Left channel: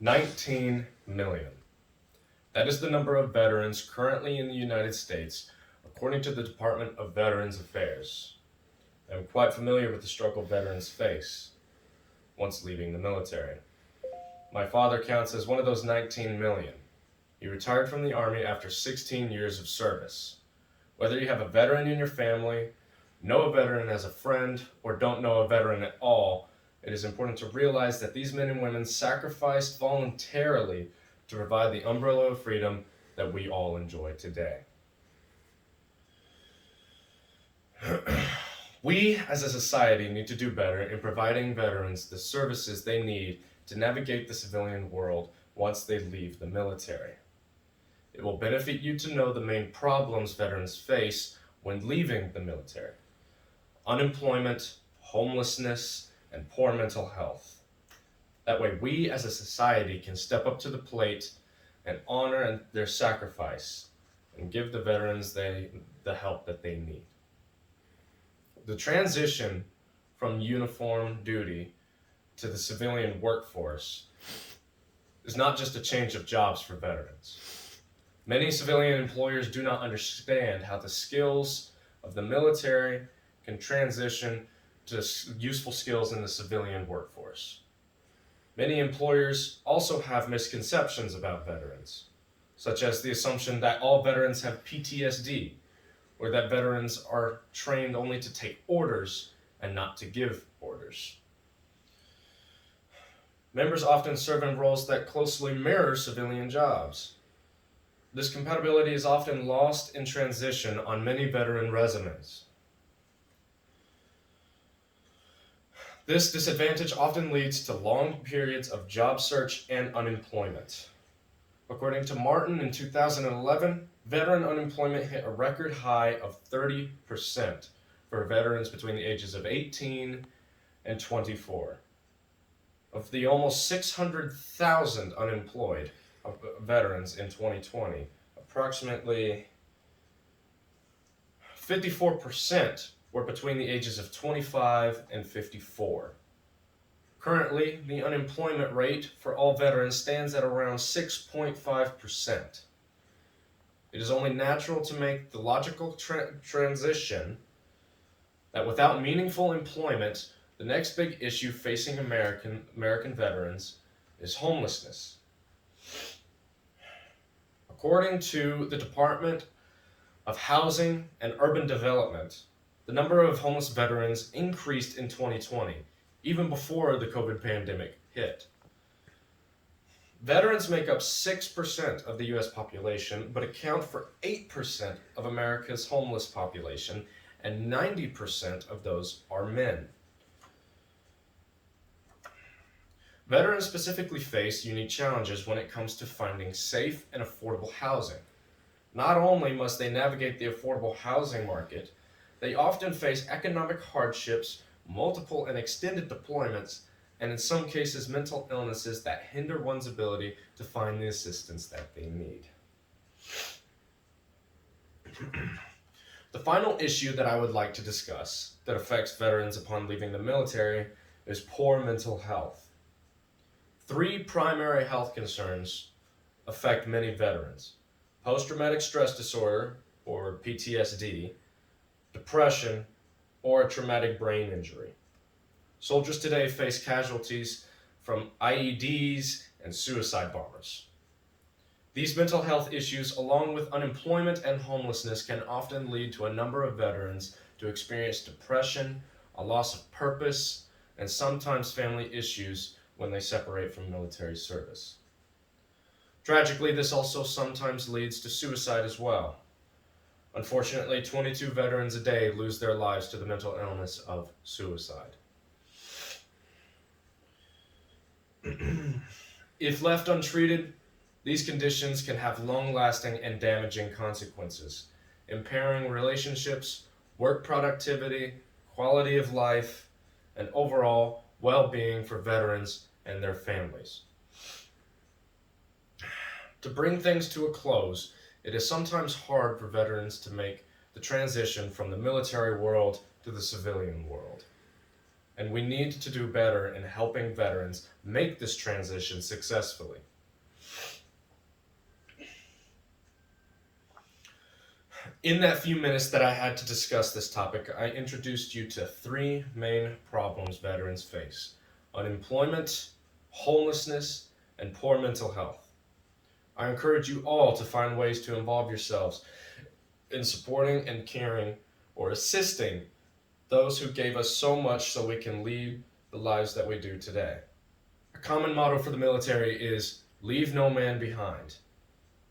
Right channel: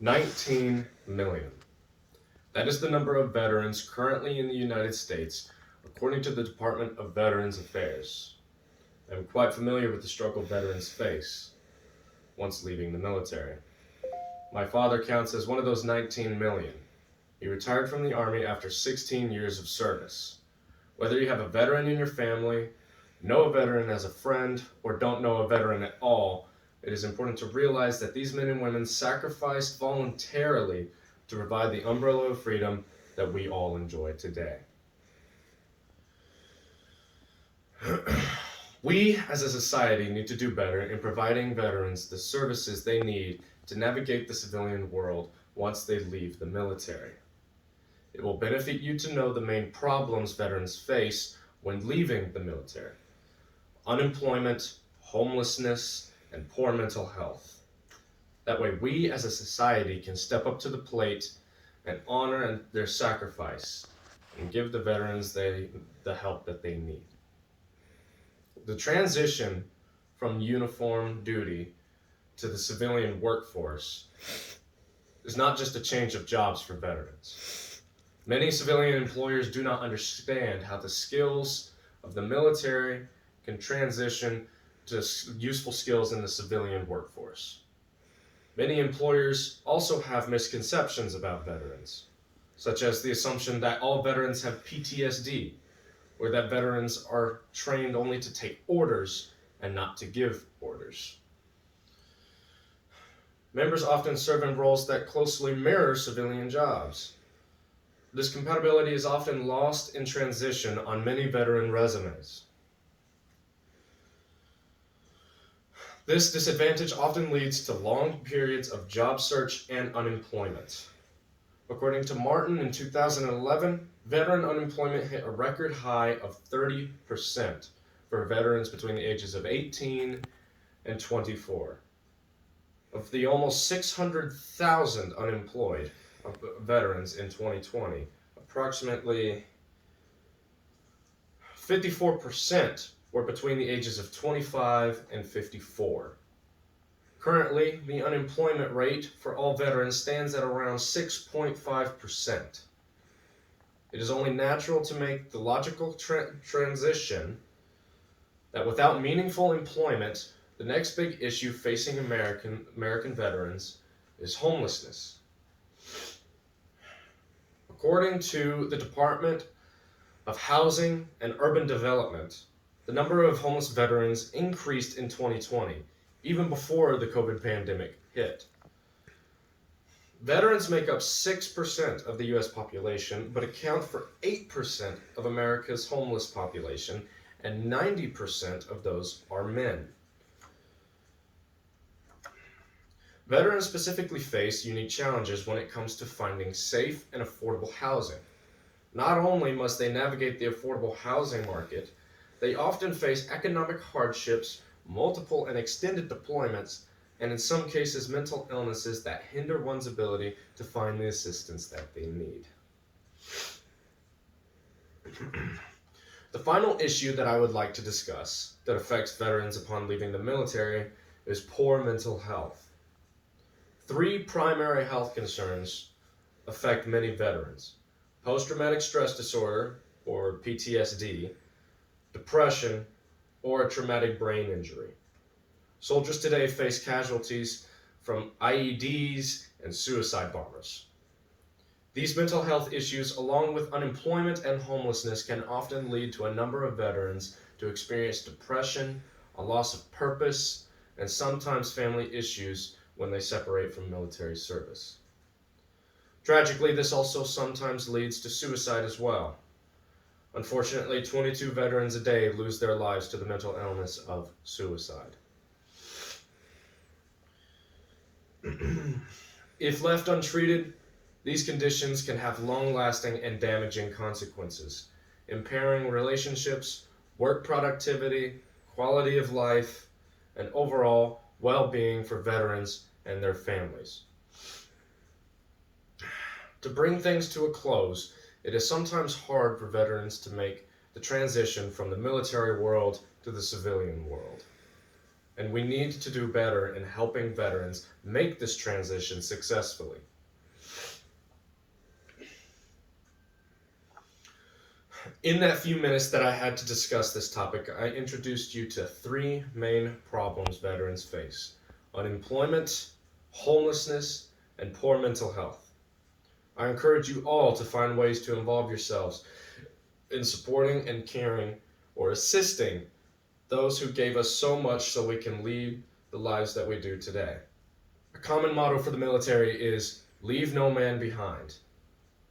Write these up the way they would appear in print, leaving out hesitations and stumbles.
19 million. That is the number of veterans currently in the United States, according to the Department of Veterans Affairs. I'm quite familiar with the struggle veterans face once leaving the military. My father counts as one of those 19 million. He retired from the Army after 16 years of service. Whether you have a veteran in your family, know a veteran as a friend, or don't know a veteran at all, it is important to realize that these men and women sacrificed voluntarily to provide the umbrella of freedom that we all enjoy today. We, as a society, need to do better in providing veterans the services they need to navigate the civilian world once they leave the military. It will benefit you to know the main problems veterans face when leaving the military: unemployment, homelessness, and poor mental health. That way, we as a society can step up to the plate and honor their sacrifice and give the veterans the help that they need. The transition from uniform duty to the civilian workforce is not just a change of jobs for veterans. Many civilian employers do not understand how the skills of the military can transition to useful skills in the civilian workforce. Many employers also have misconceptions about veterans, such as the assumption that all veterans have PTSD, or that veterans are trained only to take orders and not to give orders. Members often serve in roles that closely mirror civilian jobs. This compatibility is often lost in transition on many veteran resumes. This disadvantage often leads to long periods of job search and unemployment. According to Martin, in 2011, veteran unemployment hit a record high of 30% for veterans between the ages of 18 and 24. Of the almost 600,000 unemployed veterans in 2020, approximately 54% were between the ages of 25 and 54. Currently, the unemployment rate for all veterans stands at around 6.5%. It is only natural to make the logical transition that without meaningful employment, the next big issue facing American veterans is homelessness. According to the Department of Housing and Urban Development, the number of homeless veterans increased in 2020, even before the COVID pandemic hit. Veterans make up 6% of the US population, but account for 8% of America's homeless population, and 90% of those are men. Veterans specifically face unique challenges when it comes to finding safe and affordable housing. Not only must they navigate the affordable housing market, they often face economic hardships, multiple and extended deployments, and in some cases mental illnesses that hinder one's ability to find the assistance that they need. The final issue that I would like to discuss that affects veterans upon leaving the military is poor mental health. 3 primary health concerns affect many veterans: post-traumatic stress disorder, or PTSD, depression, or a traumatic brain injury. Soldiers today face casualties from IEDs and suicide bombers. These mental health issues, along with unemployment and homelessness, can often lead to a number of veterans to experience depression, a loss of purpose, and sometimes family issues when they separate from military service. Tragically, this also sometimes leads to suicide as well. Unfortunately, 22 veterans a day lose their lives to the mental illness of suicide. If left untreated, these conditions can have long-lasting and damaging consequences, impairing relationships, work productivity, quality of life, and overall well-being for veterans and their families. To bring things to a close, it is sometimes hard for veterans to make the transition from the military world to the civilian world. and we need to do better in helping veterans make this transition successfully. In that few minutes that I had to discuss this topic, I introduced you to 3 main problems veterans face: unemployment, homelessness, and poor mental health. I encourage you all to find ways to involve yourselves in supporting and caring or assisting those who gave us so much so we can lead the lives that we do today. A common motto for the military is leave no man behind.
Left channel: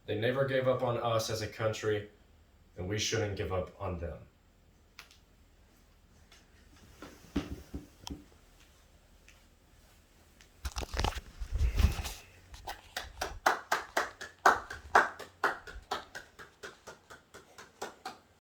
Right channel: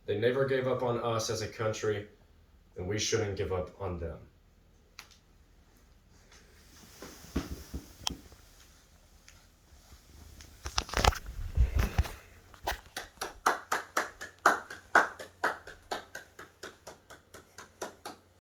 They never gave up on us as a country, and we shouldn't give up on them.